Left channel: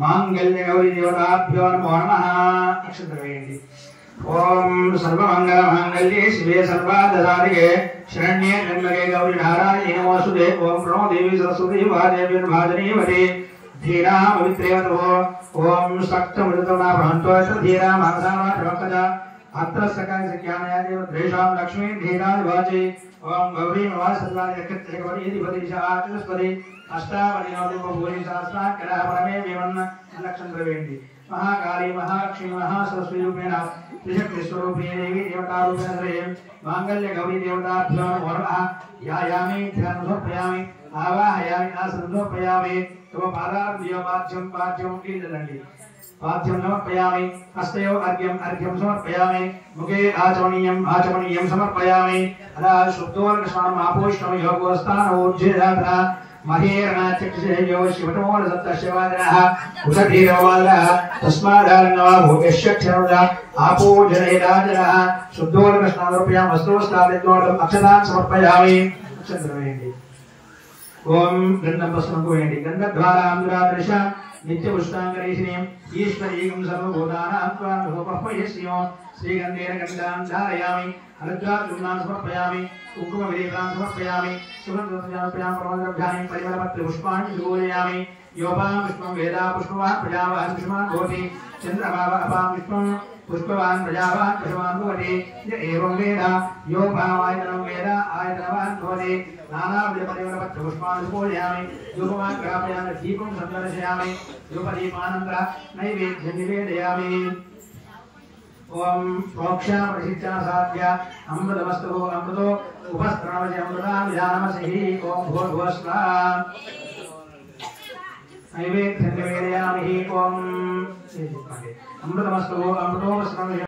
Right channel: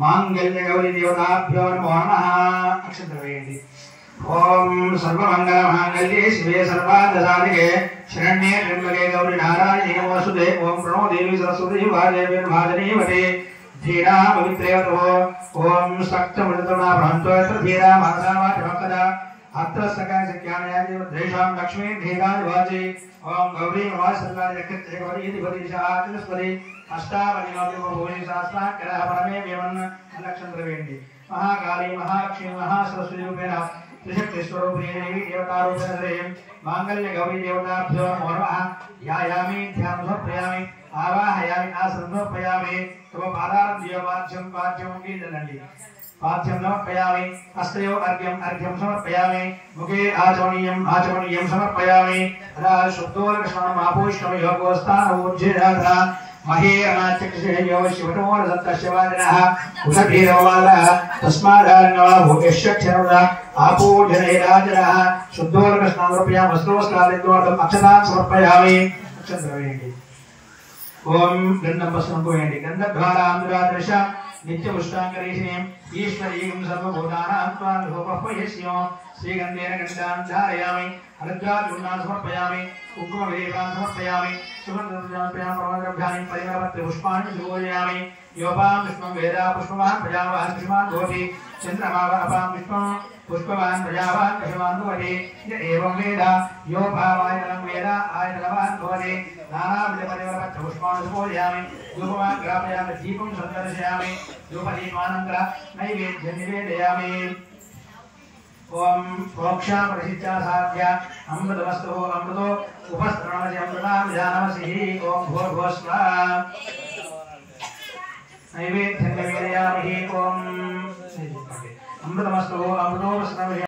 मांगल्य गौरी देवताभ्यो नमो नमः अक्षत्रवेयन्ति ओम सर्वमंगल मांगल्ये शिवे सर्वार्थसाधिके शरण्ये त्र्यंबके गौरी नारायणी नमोस्तुते ओम प्रणो देवी सरस्वती वादेवी महाजनीवते धीरा पवित्रेवतो ओम सक्तमृतना भ्रांतो धीरा मानसावा चमकदा अत्र सकाय ज्ञानादेव द्रेषां लक्ष्मी धीराज वाचे ओम गौरी नमः नक्षत्र गौरी दिवदिशा आचस्पदे अष्टावली नवदीपभूरि सहस्रा कलह परमे विमन्न नक्षत्रवेण्डि महाकाली महालक्ष्मी महासरस्वती रूपेण त्रिशक्ति स्वरूपिणी देवी देवता रूपेण मांगल्य गौरी देवताभ्यो नमो नमः ध्यायामि ध्यानं समर्पयामि आवाहयामि आसनं समर्पयामि तव पादारविंदं पाद्यं कीर्तनन्ति पाद्यं समर्पयामि हस्तयो अर्घ्यं समर्पयामि मुखे आचमनीयं समर्पयामि अदा शुद्धोर्गस्नानं आपोष्णं योगोस्तानोज्जिराधना महेरणाचक्षुषयो शिवतमोर सप्तशिवादिनः उषधीरवालः तस्मादार्णवा भूतेश्वक्षरदा आपूजनैराजनः शुद्धोर्गस्नानं समर्पयामि वस्त्रोस्तादित्वोर्धम् अक्षतान् समर्पयामि अक्षन्तवेण्डि ओम गंधं वस्त्रं गंधद्वारांधुरादृश नित्यपुष्टांगरीषिणीं ईश्वरीं सर्वभूतानां त्वां लोकपयस्यो श्रीगन्धेन गन्धां धारयामि हरिद्राचूर्णान् समर्पयामि कुङ्कुमविलेपान् समर्पयामि सुगन्धद्रव्यान् प्रमोदद्रव्याणि परिमलपत्रपुष्पाणि सुगोजयामि योपां पुष्पं वेदा पुष्पवान् प्रजावान् पुष्पवान् भवति चन्द्रमावापां पुष्पं पुष्पवान् प्रजावान् पुष्पवान् भवति य एवं वेद यो भावायतनं वेद आयतनवान् भवति नानाविधपरिमलपत्रपुष्पान् सुगोजयामि धूपमान् ग्रापयामि दीपं सन्दर्शयामि धूपदीपानन्तरं नैवेद्यं निवेदयामि ओम प्रोक्षा प्रसिद्धा साध्या अमृतमस्तु अमृतो उपस्त्रणमसि अमृता विधानमसि ओम भूर्भुवस्वा नैवेद्यं निवेदयामि ओम अमृतमस्तु अमृतो उपस्त्रणमसि